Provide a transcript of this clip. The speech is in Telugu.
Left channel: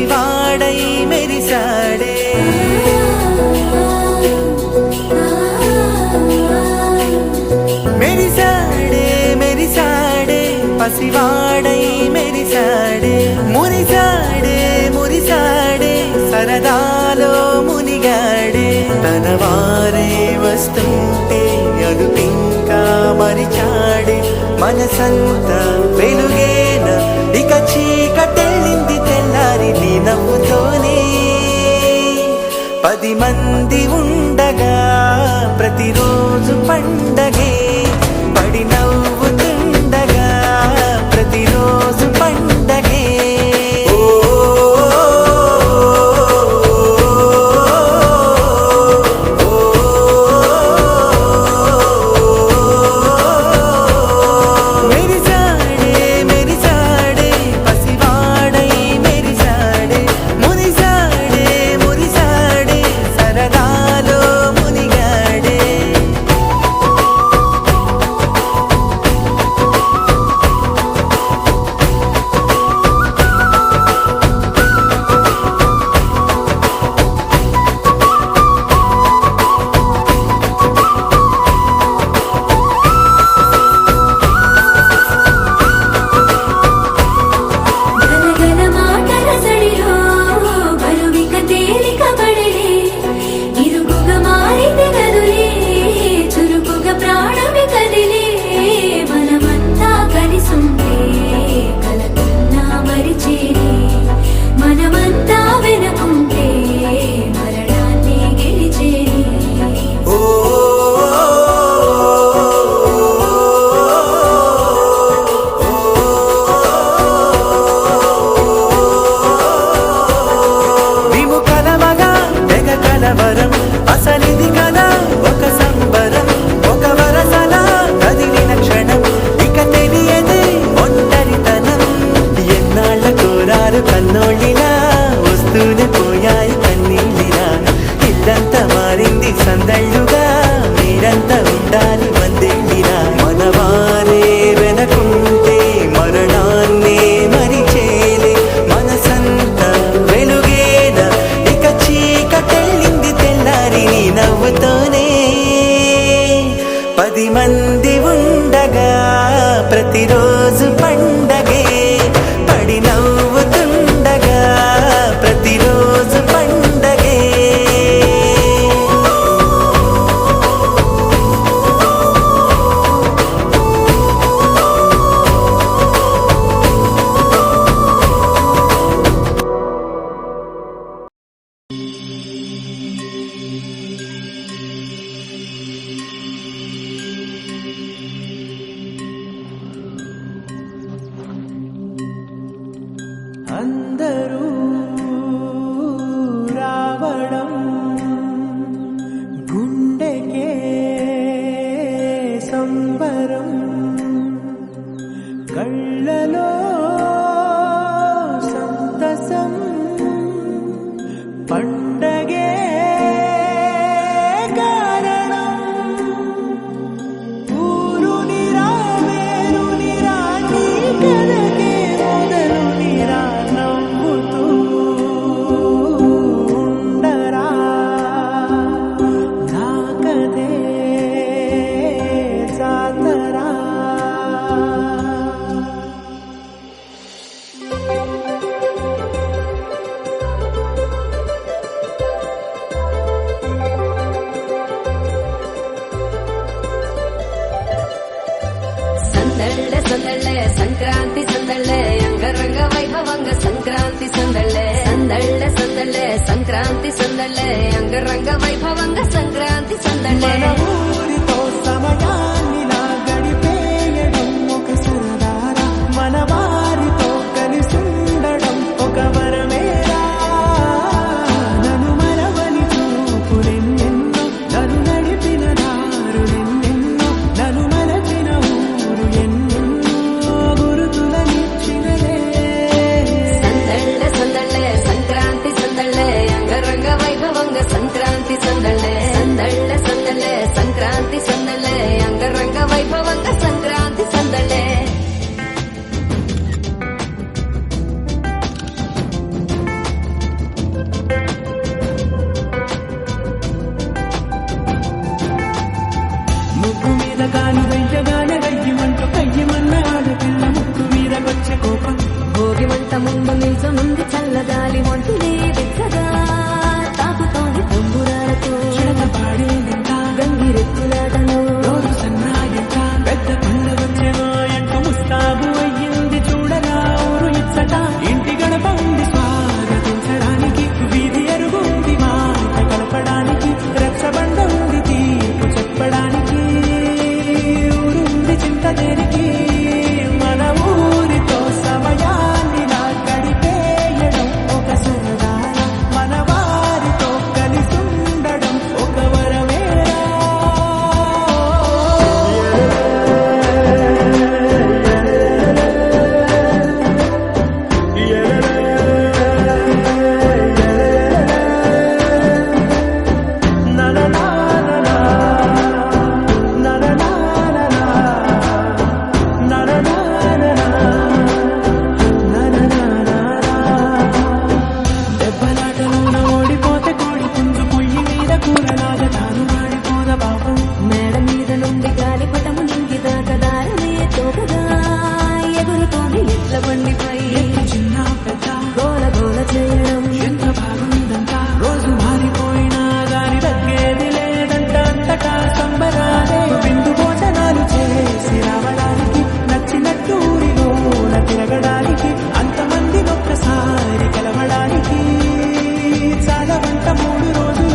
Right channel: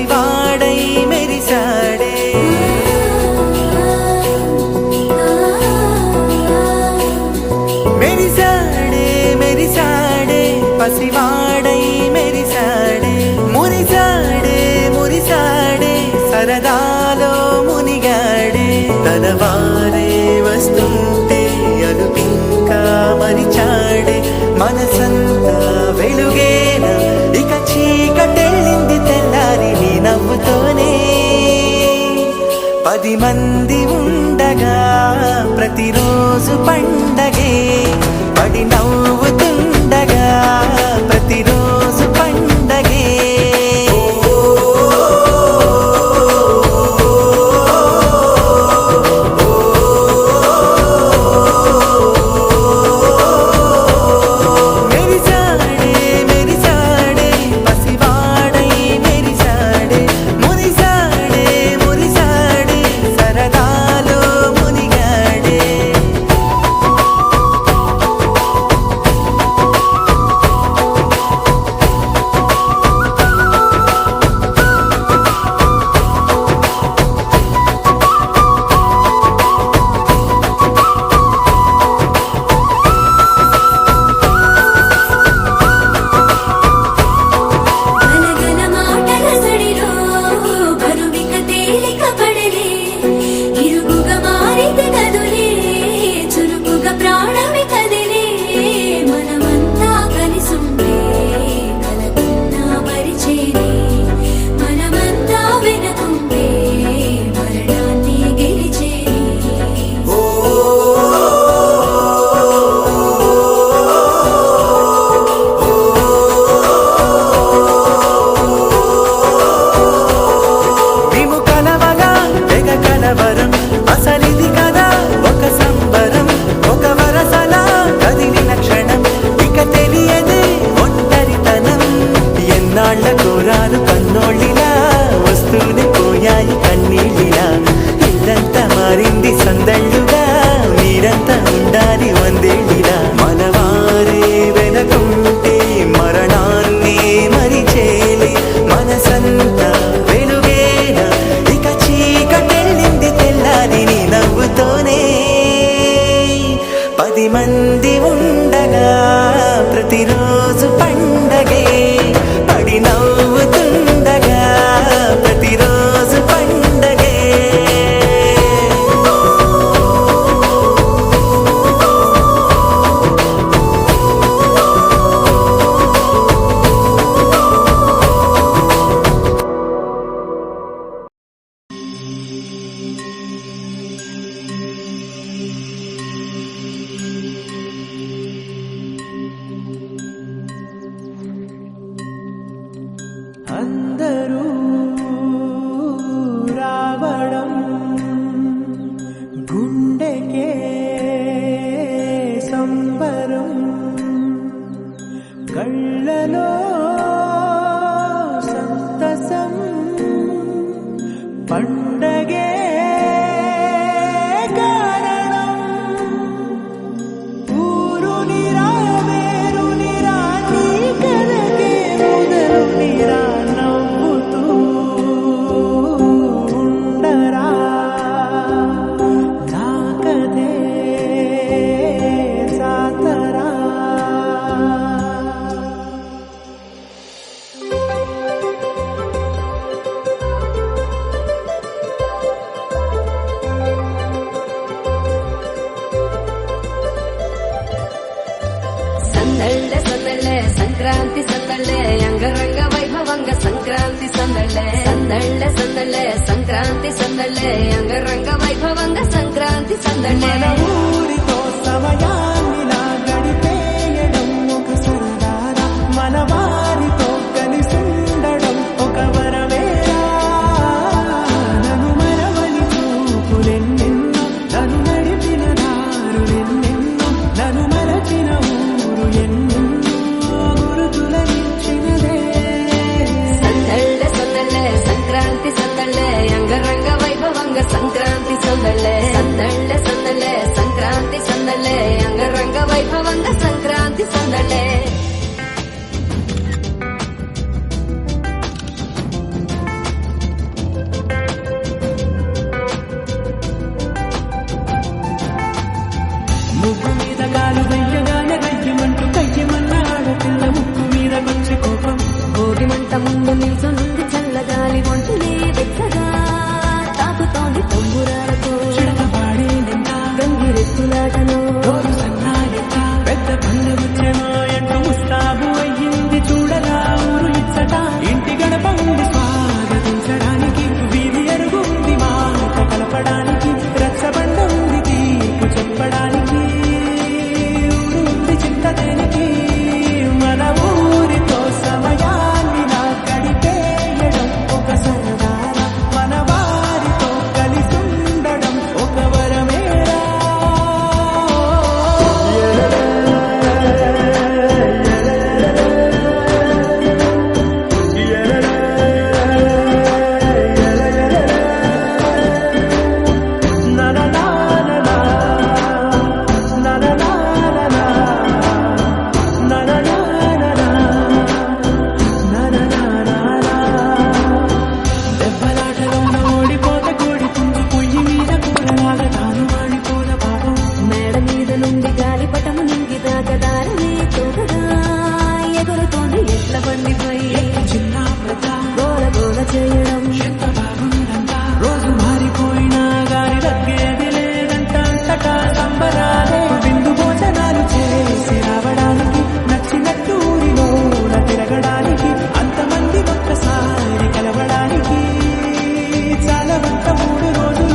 పసివాడై మెరిసాడే మెరిసాడే మెరిసాడే పసివాడై మెరిసాడే మురిసాడే మురిసాడే సరదాలో మునిగాడే తన వారే వస్తుంటే అదుపింకా మరిచాడే మనసంతా వెలుగేన ఇక చీకటెళ్ళింది తెల్లారి నీ నవ్వుతోనే 10 మంది ఉండగా ప్రతిరోజు పండగే పడి నవ్వుతుండగా ప్రతిరోజు పండగే మెరిసాడే మెరిసాడే పసివాడై మెరిసాడే మురిసాడే మురిసాడే సరదాలో మునిగాడే గలగల మాటల సడిలో బరువిక తేలిక పడలే ఇరుగుగా మారితే కదులే చురుకుగా ప్రాణమి కదిలే మనమంతా కలిసుంటే కలకున్నా మరిచేనే మనమంతా వెనకుంటే మరణాన్ని గెలిచేనే మేము కలవగా తెగ కలవరం అసలిది కదా ఒక సంబరం ఒక వరసలా కదిలిన క్షణం ఇక తెలియదే ఒంటరితనం ఎన్నాళ్ళ కోరారు కన్నోళ్ళిలా వస్తూనే పోయాయి కన్నీళ్ళిలా ఇల్లంతా మారింది సందళ్ళుగా మీరంతా ఉండాలి వందేళ్ళిలా మనవారే వెనకుంటే మరణాన్ని మరిచేది మనసంతా వెలుగేన ఇక చీకటెళ్ళింది తెల్లారి నీ నవ్వుతోనే 10 మంది ఉండగా ప్రతిరోజు పండగే పడి నవ్వుతుండగా ప్రతిరోజు పండగే అందరూ రావడం గుండెకే సంబరం కళ్ళలో సంతసం పండగే కారణం ఊరు నిరా వేరు నిరా నీ కథకే మొదలు నిరా నవ్వుతూ ఉండరా నా కథే జాతరా సందళ్ళే సందళ్ళే సంక్రాంతి సందళ్ళే అంగరంగ వైభవంగ సంక్రాంతి సందళ్ళే సందళ్ళే సందళ్ళే సంక్రాంతి సందళ్ళే అంగరంగ వైభవంగ సంక్రాంతి సందళ్ళే మన ఊరితో సమయాన్నిలా గడిపేయడం ఒక సరదారా మన వారితో కలిసుండడం ఒక వరమేరా నన్ను మరవని చూపులెన్నెన్నో నన్ను నడిపిన దారులెన్నెన్నో నన్ను మరచిన ఊరు ఎన్నెన్నో గురుతులనిచ్చినదే సందళ్ళే సందళ్ళే సంక్రాంతి సందళ్ళే అంగరంగ వైభవంగ సంక్రాంతి సందళ్ళే సందళ్ళే సందళ్ళే సంక్రాంతి సందళ్ళే అంగరంగ ఇంత దేనికి మన ఊరితో సమయాన్నిలా గడిపేయడం ఒక సరదారా మన వారితో కలిసుండడం ఒక వరమేరా దెబ్బలాటలోన ఓడిపోతే కోడి పుంజు పొయ్యి మీద కూరలాగా తాను వాడిపోద పాపం మేడ మీద నుండి గాలిపటము నింగిదాకా దారనే తోకగా ఎగురుతోంది ఎట్ల బండిపై చిన్న పెద్ద గోల గోల చేయడం ఎంత బాగుందంట రోజు మారిపోయినా గాని తగ్గేది లేదంట అంతటా సంబరాలే విందు భోజనాలు చేసి రావడానికి నచ్చినట్టు ఊరిలోన తిరగడానికి అంతమంది ఒక్కసారి కలవడానికి చాలా వంట 3 రోజులు